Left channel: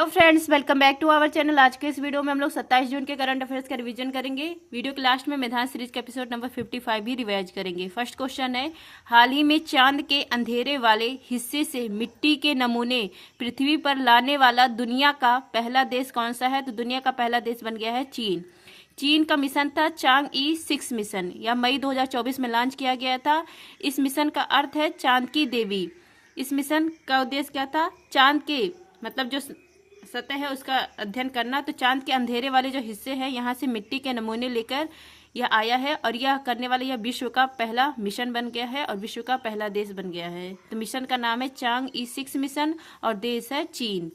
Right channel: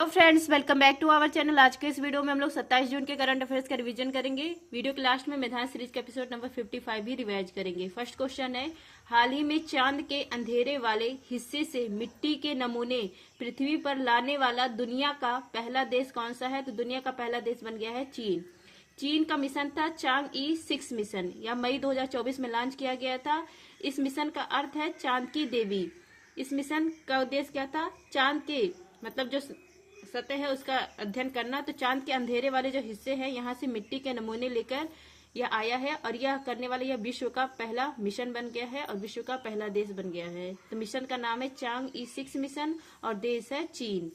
तो friends, welcome back to our channel. आज के इस वीडियो में हम लोग 27 जून के करंट अफेयर्स का रिवीजन करेंगे। वीडियो के लास्ट में मैदान सीरीज के एपिसोड नंबर 55 भी रिवाइज करेंगे। फर्स्ट क्वेश्चन है, हाल ही में चांद के अंधेरे वाले हिस्से से मिट्टी के नमूने पृथ्वी पर लाने वाला दुनिया का पहला देश कौन सा है? तो दुनिया का पहला देश बन गया है चीन। चीन का मिशन था चांग-ई-6 मिशन, यह मई 2024 में लॉन्च किया गया था। इस मिशन का अर्थ है चांद की देवी। इस मिशन का उद्देश्य क्या था? चांद के मतलब जो सतह है उसका अध्ययन करना। तो चांद के अंधेरे वाले जो हिस्से हैं यहाँ से मिट्टी के नमूने लेकर यह आया है और यह करने वाला यह विश्व का पहला मिशन बन गया है और विश्व का पहला देश बन गया है। तो मिशन का नाम है चांग-ई-6 मिशन और देश है चीन।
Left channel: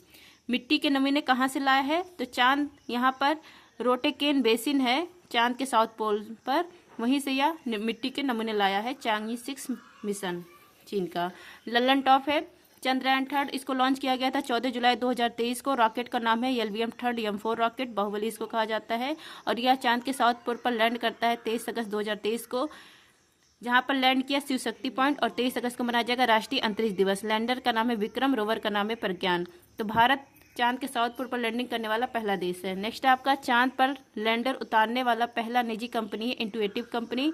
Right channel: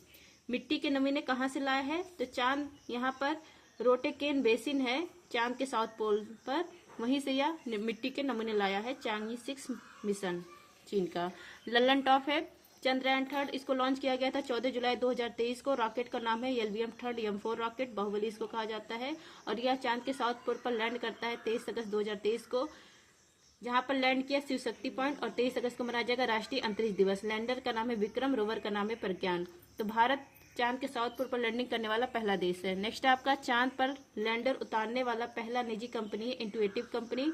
मिट्टी के नमूने कहाँ से लाया है? तो चांद यहाँ पर रोटेकेन बेसिन है चांद के साउथ पोल पर, वहीं से यह मिट्टी के नमूने लाया है चांग-ई-6 मिशन चीन का। ललन टॉप है चंद्रयान-3, इसको लॉन्च किया गया था 14 जुलाई 2023 को। रॉकेट का नाम है LVM-3 M4 रॉकेट, बाहुबली इसको कहा जाता है और यह चांद के साउथ पोल पर लैंड करता है 23 अगस्त 2023 को। जहां पर लैंड किया शिव शक्ति पॉइंट और 23 अगस्त को मनाया जाएगा राष्ट्रीय अंतरिक्ष दिवस। लैंडर का नाम है विक्रम, रोवर का नाम है प्रज्ञान। तो भारत चांद के साउथ पोल पर लैंडिंग करने वाला पहला देश है। नेक्स्ट आपका चांद पर लैंडर उतारने वाला पहला निजी कंपनी है इंटुएटिव कंपनी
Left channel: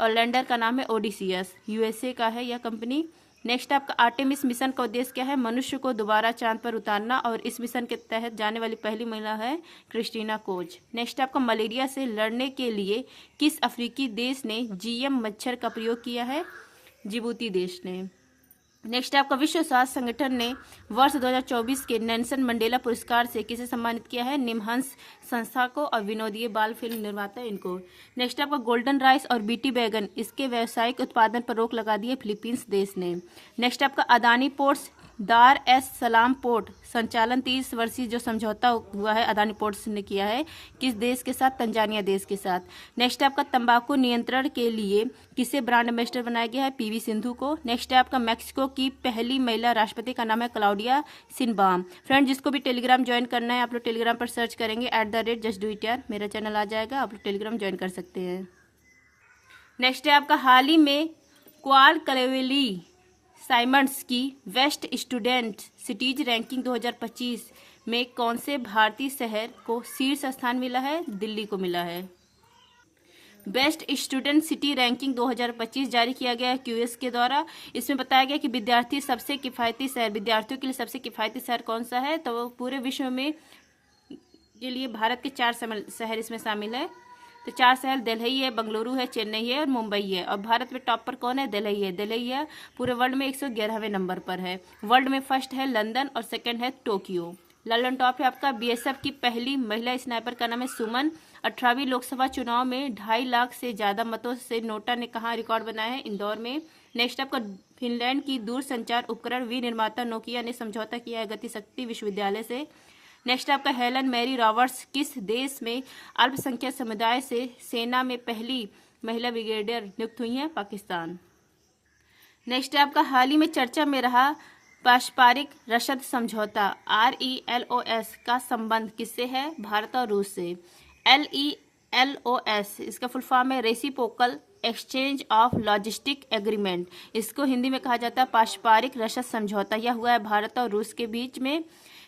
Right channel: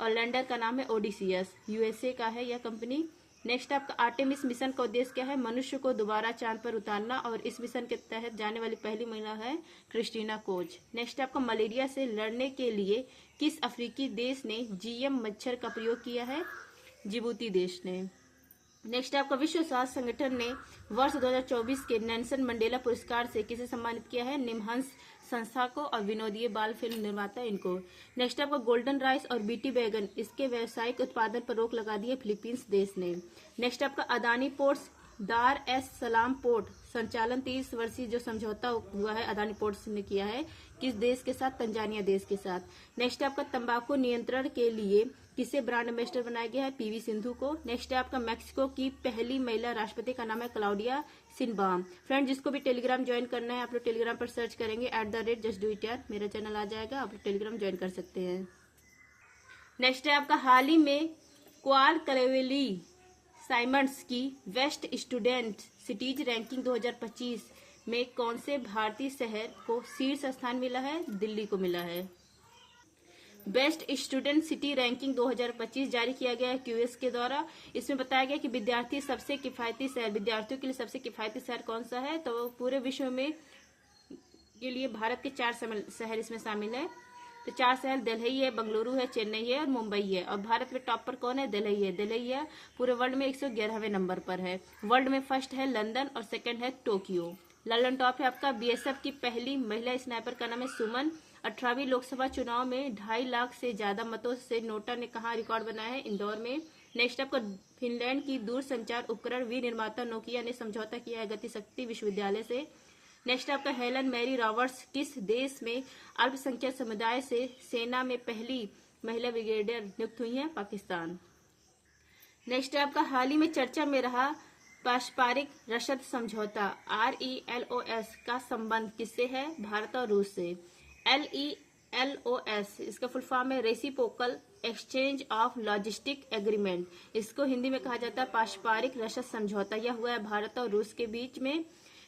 और लैंडर का नाम है ओडिसियस, USA का है यह कंपनी। नेक्स्ट आपका आर्टेमिस मिशन का उद्देश्य क्या है? मनुष्य को दोबारा चांद पर उतारना और इस मिशन के तहत जाने वाली पहली महिला है क्रिस्टीना कोच। नेक्स्ट आपका मलेरिया से लड़ने के लिए किस अफ्रीकी देश ने GM मच्छर का प्रयोग किया है? जिबूती देश ने। नेक्स्ट आपका विश्व स्वास्थ्य संगठन ने वर्ष 2024 के नेल्सन मंडेला पुरस्कार से किसे सम्मानित किया है? निमहंस संस्था को और विनोदीय बाल फिल्म निर्माता इनको। नेक्स्ट आपका गोल्डन राइस और बीटी बैगन इसके व्यावसायिक उत्पादन पर रोक लगा दी है फिलीपींस देश ने। नेक्स्ट आपका अदानी पोर्ट्स दार एस सलाम पोर्ट संचालन 30 वर्षीय जो समझौता हुआ है अदानी पोर्ट्स ने किया है किस देश के साथ? तंजानिया देश के साथ। नेक्स्ट आपका तंबाकू नियंत्रण के लिए किसे ब्रांड एम्बेसडर बनाया गया है? PV सिंधु को। नेक्स्ट है आपका मैक्सिको की पहली महिला राष्ट्रपति का नाम है क्लाउडिया शिनबाम। फ्रेंड, जिसको भी टेलीग्राम ज्वाइन करना है आप लोग टेलीग्राम पर सर्च करेंगे @justdoityar, मेरा चैनल आ जाएगा, आप लोग टेलीग्राम ज्वाइन कर सकते हैं। नेक्स्ट है आपका हाल ही में क्वाल कलेवेली साइमंड्स की बेस्ट स्टूडेंट सिटीज रैंकिंग 2025 में कौन से भारतीय शहर को शीर्ष स्थान मिला है? दिल्ली को मिला है। बेस्ट स्टूडेंट सिटी रैंकिंग 2025 जारी किया गया है QS के द्वारा। इसमें बताया गया कि विद्यार्थियों के लिए सबसे किफायती शहर कौन सा है? तो पूरे विश्व में के लिए भारत के 4 शहर इसमें शामिल है। तो 4 शहर दिल्ली है, बेंगलुरु है, चेन्नई है और मुंबई है। और भारत में टॉप पर कौन है? दिल्ली है पूरे वर्ल्ड में 111वें नंबर पर है। वर्ल्ड में फर्स्ट है लंदन और सेकंड है टोक्यो। ललन टॉप है आपका BSF की पहली महिला स्नाइपर का नाम है सुमन। 18वीं लोकसभा चुनाव में 2.5 लाख से ज्यादा मतों से नोटा ने कहा रिकॉर्ड बनाया है? इंदौर में। नेक्स्ट आपका फिनलैंड की दूरसंचार उपकरण विनिर्माता नोकिया ने समझौता किया है गति शक्ति विश्वविद्यालय से। नेक्स्ट आपका हेलन मैरी रॉबर्ट्स किस देश में अल्पसंख्यक समुदाय से सेना में पहली महिला ब्रिगेडियर नियुक्त हुई हैं? पाकिस्तान। नेक्स्ट आपका हाल ही में चर्चा में रहा पारस्परिक रसद समझौता RELOS का संबंध किससे है? भारत और रूस से। LELOS इसका फुल फॉर्म है reciprocal exchange of logistic agreement. इसको हिंदी में कहा जाता है पारस्परिक रसद समझौता। यह हुआ है भारत और रूस के बीच में।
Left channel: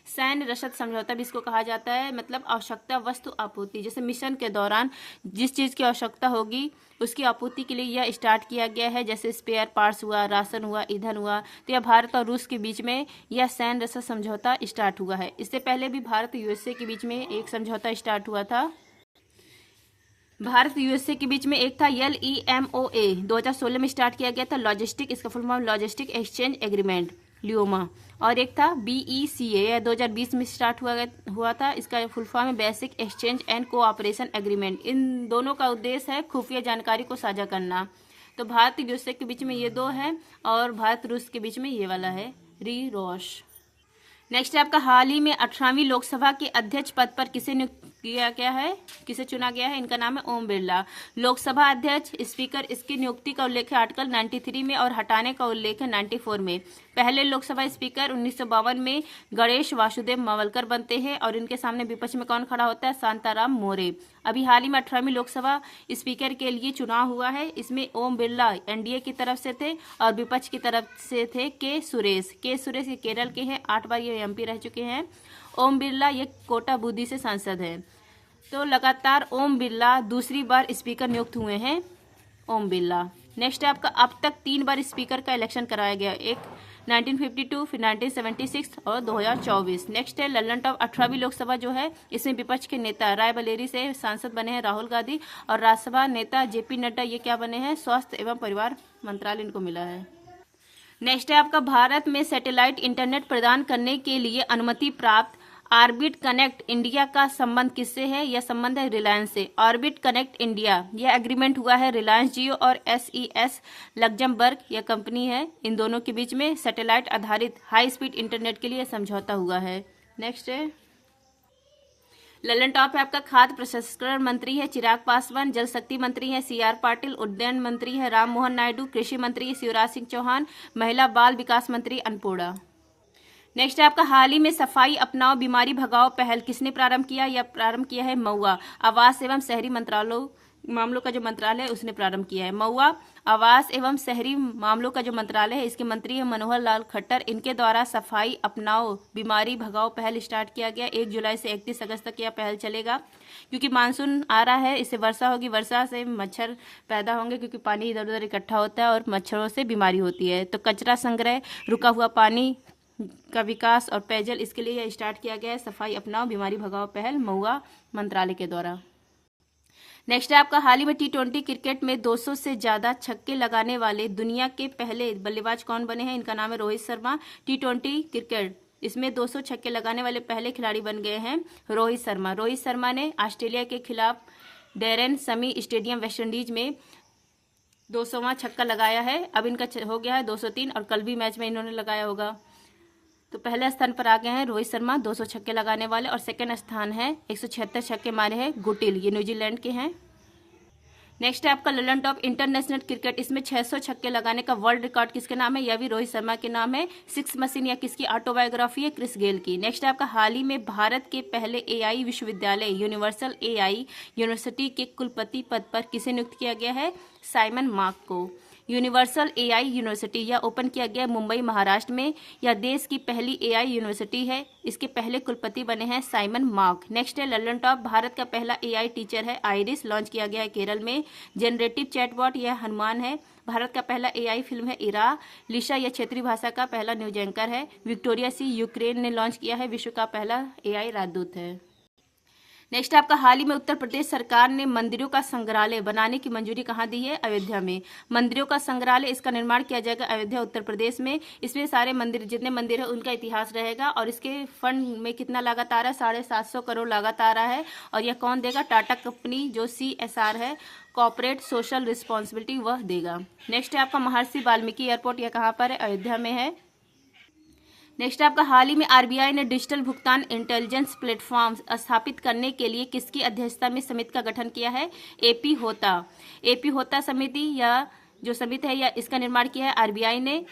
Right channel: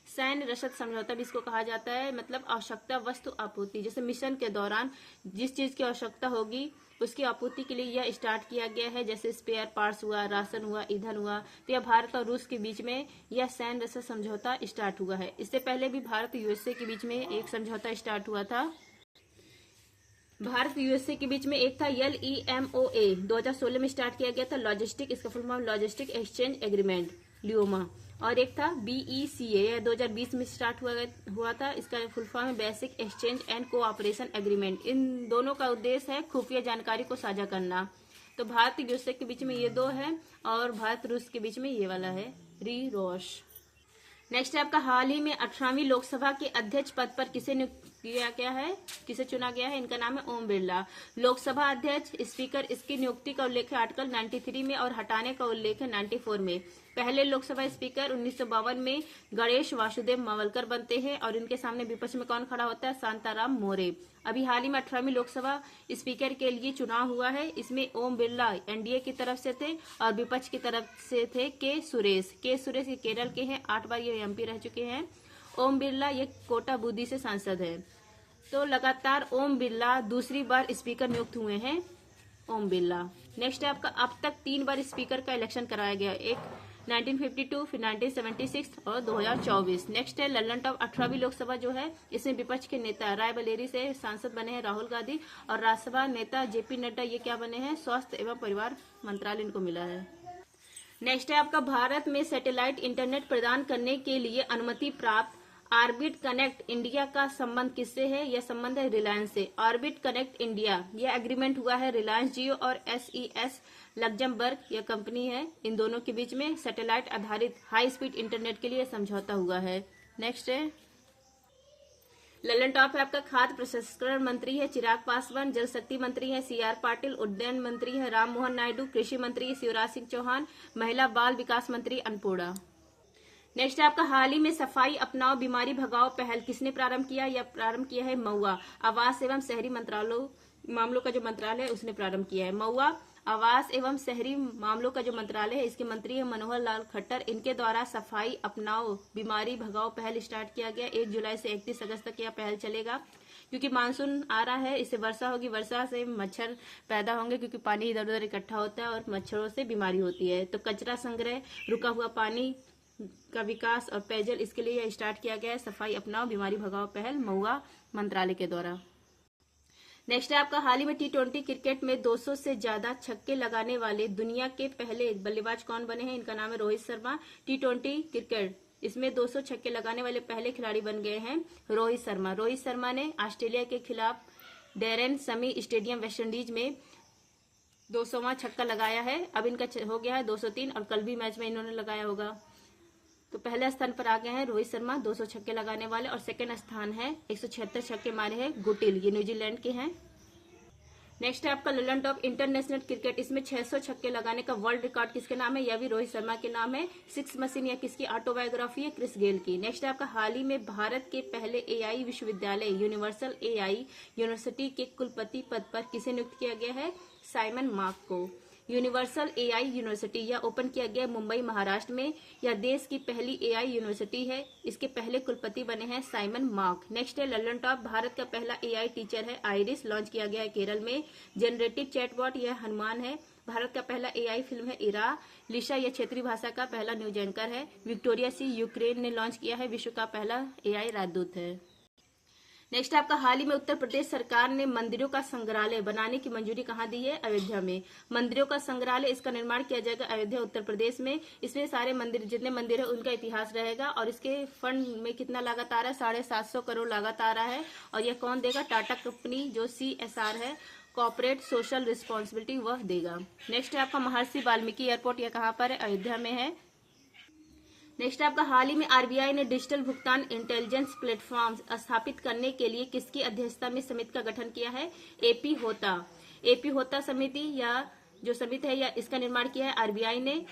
सैन्य रसद समझौता भी इसको कहा जाता है, मतलब आवश्यकता वस्तु आपूर्ति। जैसे मिशन के दौरान जिस चीज की आवश्यकता होगी उसकी आपूर्ति के लिए यह स्टार्ट किया गया है, जैसे स्पेयर पार्ट्स हुआ, राशन हुआ, ईंधन हुआ। तो यह भारत और रूस के बीच में यह सैन्य रसद समझौता स्टार्ट हुआ है। इससे पहले भी भारत USA के बीच में एक समझौता स्टार्ट हुआ था। भारत USA के बीच में एक था LEMOA 2016 में स्टार्ट किया गया था लॉजिस्टिक, इसका full form logistic exchange agreement LEMOA. और एक था BECA 2020 में स्टार्ट हुआ था, इसका फुल फॉर्म है basic exchange and cooperation agreement. इन दोनों का उद्देश्य है खुफिया जानकारी को साझा करना। तो भारत USA के बीच में ये 2 है और भारत रूस के बीच में ये वाला है RELOS। नेक्स्ट आपका हाल ही में 18वीं लोकसभा के अध्यक्ष पद पर किसे नियुक्त किया गया है? किसे चुना गया है? इनका नाम है ओम बिरला। लोकसभा अध्यक्ष स्पीकर इसकी नियुक्ति का उल्लेख है आर्टिकल 93 में और हटाने का उल्लेख है 94 में। पहले लोकसभा स्पीकर 1952 में गणेश वासुदेव मावलकर बनते हैं और इनके सामने विपक्ष में कौन खड़ा होता है? शांताराम मोरे। अभी हाल ही में 18वीं लोकसभा स्पीकर के लिए चुनाव हुआ है। इसमें ओम बिरला NDA की तरफ से थे और विपक्ष की तरफ से थे के सुरेश। के सुरेश केरल के हैं, 8 बार ये MP रह चुके हैं। ओम बिरला ये कोटा बूंदी से सांसद हैं। तो लगातार ओम बिरला दूसरी बार स्पीकर नियुक्त हुए हैं, ओम बिरला। नेक्स्ट है आपका, अब तक 3 बार स्पीकर का इलेक्शन कराया गया, एक 1952, फिर 1976 और 2024। नेक्स्ट है लल्लन टॉप 18वीं लोकसभा जो है, इसमें विपक्ष के नेता रायबरेली से सांसद बने हैं राहुल गांधी, और राज्यसभा नेता जेपी नड्डा ये क्या बने हैं, स्वास्थ्य एवं परिवार मंत्रालय इनको मिला है। नेक्स्ट है आपका, भारत में सैटेलाइट इंटरनेट प्रदान करने के लिए अनुमति प्राप्त ऑर्बिट कनेक्ट इंडिया का संबंध किससे है? यह संबंध है रिलायंस से। ऑर्बिट कनेक्ट इंडिया यह एग्रीमेंट हुआ है रिलायंस जियो और SES लग्जमबर्ग यह कंपनी है, इन दोनों के बीच में सैटेलाइट आधारित हाई स्पीड इंटरनेट के लिए समझौता हुआ है। नेक्स्ट है ललन टॉप है आपका, खाद्य प्रसंस्करण मंत्री है चिराग पासवान, जल शक्ति मंत्री है CR पाटिल, उड्डयन मंत्री है राम मोहन नायडू, कृषि मंत्री है शिवराज सिंह चौहान, महिला बाल विकास मंत्री अन्नपूर्णा। नेक्स्ट है आपका, हाल ही में सफाई अपनाओ बीमारी भगाओ पहल किसने प्रारंभ किया? यह प्रारंभ किया है मऊआ आवास एवं शहरी मामलों का जो मंत्रालय है उसने प्रारंभ किया है। मऊआ आवास एवं शहरी मामलों का जो मंत्रालय है इसके मंत्री है मनोहर लाल खट्टर, इनके द्वारा सफाई अपनाओ बीमारी भगाओ पहल स्टार्ट किया गया। 1 जुलाई से 31 अगस्त तक यह पहल चलेगा, क्योंकि मानसून आ रहा है, इससे वर्षा होगी, वर्षा से मच्छर पैदा होंगे क्योंकि पानी इधर उधर इकट्ठा होता है और मच्छरों से बीमारी होती है। तो कचरा संग्रह, रुका हुआ पानी का विकास और पेयजल, इसके लिए यह स्टार्ट किया गया है सफाई अपनाओ बीमारी भगाओ पहल मऊआ मंत्रालय के द्वारा। नेक्स्ट है आपका, हाल ही में T20 क्रिकेट में 200 से ज्यादा छक्के लगाने वाले दुनिया के पहले बल्लेबाज कौन बने हैं? इनका नाम है रोहित शर्मा। T20 क्रिकेट इसमें 200 छक्के लगाने वाले पहले खिलाड़ी बन गए हैं रोहित शर्मा। रोहित शर्मा ने ऑस्ट्रेलिया के खिलाफ डेरेन समी स्टेडियम वेस्ट इंडीज में 200वां छक्का लगाया है। अब इनका हो गया है 203 और कल भी मैच में इन्होंने लगाया होगा। तो पहले स्थान पर आ गए हैं रोहित शर्मा 200 छक्के लगाने वाले, और सेकंड स्थान है 176 छक्के मारे हैं गुटिल, ये न्यूजीलैंड के हैं। नेक्स्ट है आपका ललन टॉप इंटरनेशनल क्रिकेट, इसमें 600 छक्के लगाने का वर्ल्ड रिकॉर्ड किसके नाम है? यह भी रोहित शर्मा के नाम है। 6 मशीन या किसकी ऑटोबायोग्राफी है? क्रिस गेल की। नेक्स्ट है आपका, हाल ही में भारत के पहले AI विश्वविद्यालय यूनिवर्सल AI यूनिवर्सिटी के कुलपति पद पर किसे नियुक्त किया गया है? साइमन मार्क को। यूनिवर्सल AI यूनिवर्सिटी यह ओपन किया गया मुंबई महाराष्ट्र में, यह देश की पहली AI यूनिवर्सिटी है। इसके पहले कुलपति बने हैं साइमन मार्क। नेक्स्ट है ललन टॉप, भारत का पहला AI टीचर है आइरिस, लॉन्च किया गया है केरल में। जनरेटिव चैटबॉट यह हनुमान है। भारत का पहला AI फिल्म है इरा। लिशा यह क्षेत्रीय भाषा का पहला न्यूज एंकर है। विक्टोरिया सी यूक्रेन ने लॉन्च किया है, विश्व का पहला AI राजदूत है। नेक्स्ट आपका, हाल ही में उत्तर प्रदेश सरकार ने मंदिरों का संग्रहालय बनाने की मंजूरी कहाँ दी है? अयोध्या में। मंदिरों का संग्रहालय, इसका निर्माण किया जाएगा अयोध्या उत्तर प्रदेश में। इसमें सारे मंदिर, जितने मंदिर है उनका इतिहास रहेगा, और इसके फंड में कितना लागत आ रहा है? 750 करोड़ लागत आ रहा है। और यह कौन देगा? टाटा कंपनी जो CSR है, कॉर्पोरेट सोशल रिस्पॉन्सिबिलिटी, वह देगा। नेक्स्ट है आपका महर्षि वाल्मीकि एयरपोर्ट, यह कहाँ पर है? अयोध्या में है। नेक्स्ट आपका, हाल ही में RBI ने डिजिटल भुगतान इंटेलिजेंस प्लेटफॉर्म स्थापित करने के लिए किसकी अध्यक्षता में समिति का गठन किया है? AP होता समिति, या जो समिति है या इसका निर्माण किया है RBI ने।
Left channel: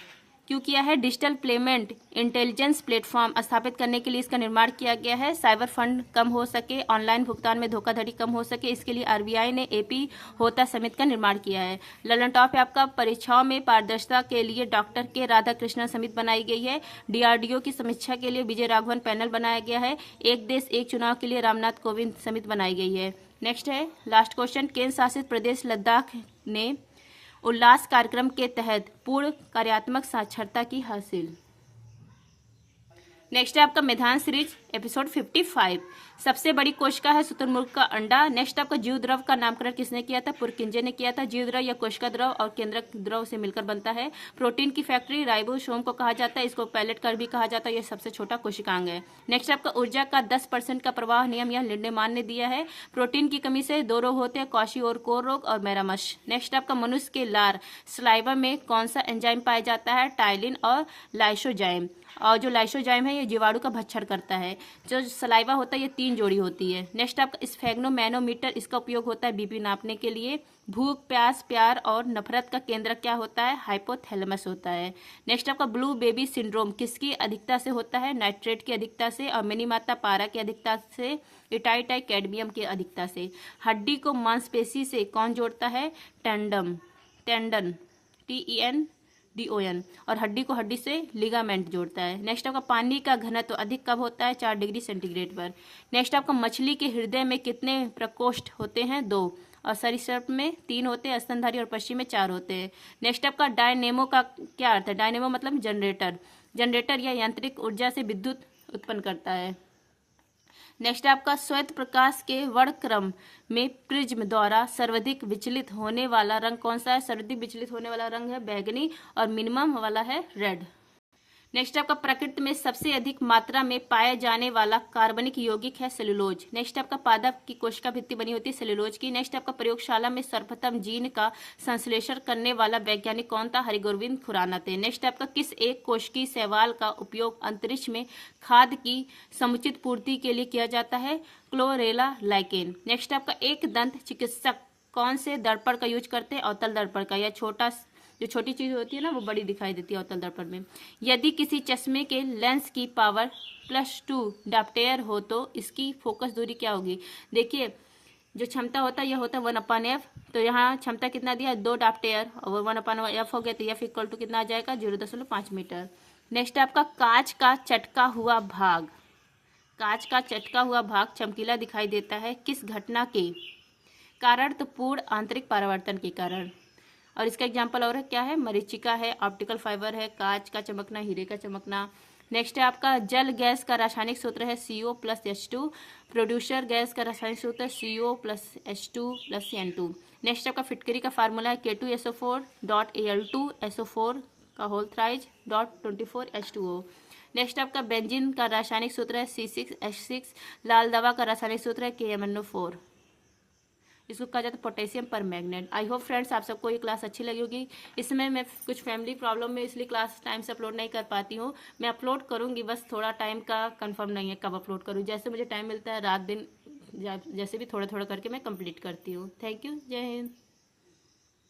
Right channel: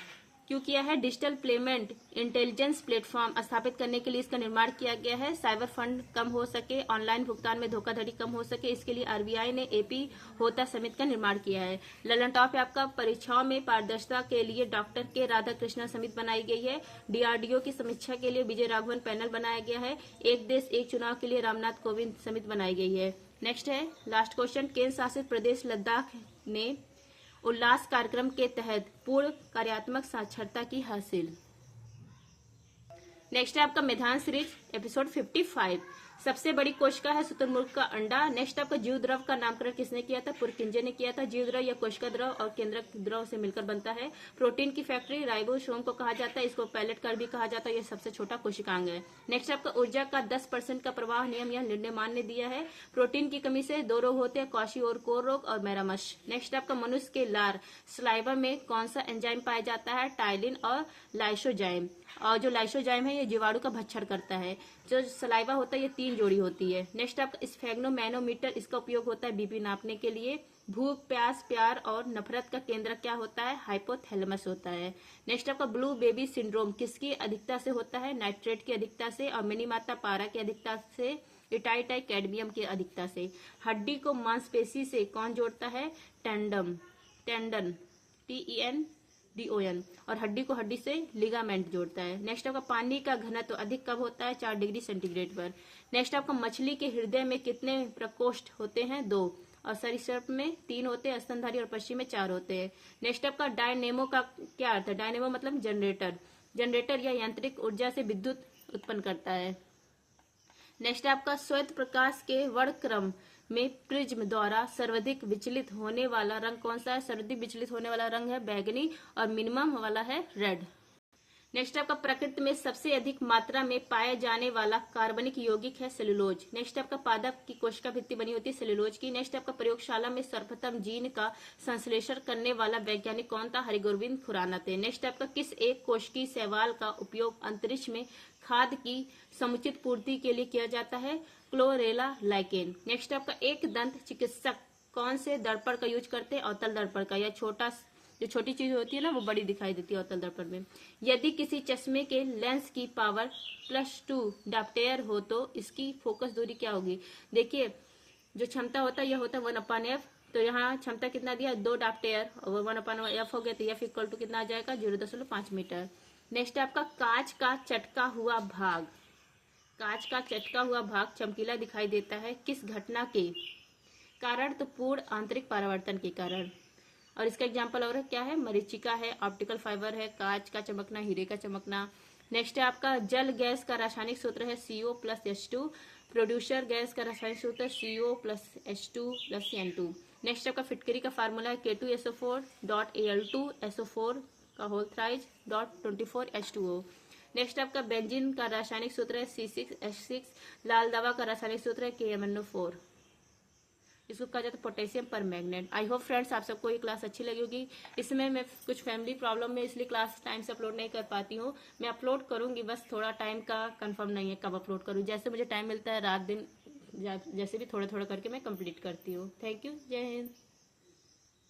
क्यों किया है? डिजिटल पेमेंट इंटेलिजेंस प्लेटफॉर्म स्थापित करने के लिए इसका निर्माण किया गया है। साइबर फंड कम हो सके, ऑनलाइन भुगतान में धोखाधड़ी कम हो सके, इसके लिए RBI ने AP होता समिति का निर्माण किया है। ललन टॉप है आपका, परीक्षाओं में पारदर्शिता के लिए डॉक्टर के राधाकृष्णन समिति बनाई गई है। DRDO की समीक्षा के लिए विजय राघवन पैनल बनाया गया है। एक देश एक चुनाव के लिए रामनाथ कोविंद समिति बनाई गई है। नेक्स्ट है लास्ट क्वेश्चन, केंद्र शासित प्रदेश लद्दाख ने उल्लास कार्यक्रम के तहत पूर्ण कार्यात्मक साक्षरता की हासिल। नेक्स्ट है आपका मैदान सीरीज एपिसोड 55, सबसे बड़ी कोशिका है शुतुरमुर्ग का अंडा। नेक्स्ट आपका जीव द्रव का नामकरण किसने किया था? पुरकिंजे ने किया था। जीव द्रव या कोशिका द्रव और केंद्रक द्रव से मिलकर बनता है। प्रोटीन की फैक्ट्री राइबोसोम को कहा जाता है, इसको पैलेट कर भी कहा जाता है, यह सबसे छोटा कोशिकांग है। नेक्स्ट आपका ऊर्जा का 10% का प्रवाह नियम, यह लिंडेमान ने दिया है। प्रोटीन की कमी से 2 रोग होते हैं, क्वाशी और कोर रोग और मैरामश। नेक्स्ट आपका मनुष्य के लार सलाइवा में कौन सा एंजाइम पाया जाता है? टाइलिन और लाइसोजाइम। और जो लाइसोजाइम है ये जीवाणु का भक्षण करता है। जो सलाइवा होता है ये 3 जोड़ी होती है। नेक्स्ट आपका स्फेग्नोमैनोमीटर, इसका उपयोग होता है BP नापने के लिए। भूख, प्यास, प्यार और नफरत का केंद्र क्या होता है? हाइपोथैलेमस होता है। नेक्स्ट आपका ब्लू बेबी सिंड्रोम किसकी अधिकता से होता है? नाइट्रेट की अधिकता से, और मिनी माता पारा की अधिकता से, इटाइटाई कैडमियम की अधिकता से। हड्डी को मांसपेशी से कौन जोड़ता है? Tendon, TENDON DON। और हड्डी को हड्डी से लिगामेंट जोड़ता है। नेक्स्ट आपका पानी का घनत्व अधिक कब होता है? 4 डिग्री सेंटीग्रेड पर। नेक्स्ट आपका मछली के हृदय में कितने प्रकोष्ठ होते हैं? 2। और सरीसृप में 3 होते हैं, स्तनधारी और पक्षी में 4 होते हैं। नेक्स्ट आपका डायनेमो का क्या अर्थ है? डायनेमो मतलब जनरेटर। जनरेटर या यांत्रिक ऊर्जा से विद्युत उत्पन्न करता है। नेक्स्ट आपका श्वेत प्रकाश के वर्णक्रम में प्रिज्म द्वारा सर्वाधिक विचलित होने वाला रंग कौन सा है? सर्वाधिक विचलित होने वाला रंग है बैगनी और मिनिमम वाला है रेड। नेक्स्ट आपका प्रकृति में सबसे अधिक मात्रा में पाए जाने वाला कार्बनिक यौगिक है सेलुलोज। नेक्स्ट आपका पादप की कोशिका भित्ति बनी होती है सेलुलोज की। नेक्स्ट आपका प्रयोगशाला में सर्वप्रथम जीन का संश्लेषण करने वाला वैज्ञानिक कौन था? हरिगोविंद खुराना थे। नेक्स्ट आपका किस एक कोशिकीय शैवाल का उपयोग अंतरिक्ष में खाद्य की समुचित पूर्ति के लिए किया जाता है? Chlorella lichen. नेक्स्ट आपका एक दंत चिकित्सक कौन से दर्पण का यूज करते हैं? अवतल दर्पण का, या जो छोटी चीज होती है ना वो बड़ी दिखाई देती है अवतल दर्पण में। यदि किसी चश्मे के लेंस की पावर +2 डाप्टेयर हो तो इसकी फोकस दूरी क्या होगी? देखिए जो क्षमता होता है यह होता है 1/f। तो यहाँ क्षमता कितना दिया? 2 डाप्टेयर और 1/f हो गया, तो f इक्वल टू कितना आ जाएगा? 0.5 मीटर। नेक्स्ट आपका कांच का चटका हुआ भाग। कांच का चटका हुआ भाग चमकीला दिखाई देता है किस घटना के कारण? तो पूर्ण आंतरिक परावर्तन के कारण। और इसका एग्जाम्पल और है क्या है? मरीचिका है, ऑप्टिकल फाइबर है, कांच का चमकना, हीरे का चमकना। नेक्स्ट है आपका जल गैस का रासायनिक सूत्र है CO+H2। प्रोड्यूसर गैस का रासायनिक सूत्र है CO+H2+N2। नेक्स्ट आपका फिटकरी का फार्मूला है K2SO4.Al2SO4 का होल थ्राइज .24H2O। नेक्स्ट आपका बेंजीन का रासायनिक सूत्र है C6H6। लाल दवा का रासायनिक सूत्र है KMnO4। इसको कहा जाता है पोटेशियम पर मैग्नेट। आई होप फ्रेंड्स आप सबको ये क्लास अच्छी लगी होगी। इसमें मैं कुछ फैमिली प्रॉब्लम में इसलिए क्लास टाइम से अपलोड नहीं कर पाती हूँ। मैं अपलोड करूँगी, बस थोड़ा टाइम का कंफर्म नहीं है कब अपलोड करूँ। जैसे मुझे टाइम मिलता है रात दिन जैसे भी थोड़ा थोड़ा करके मैं कंप्लीट करती हूँ। Thank you. जय हिंद।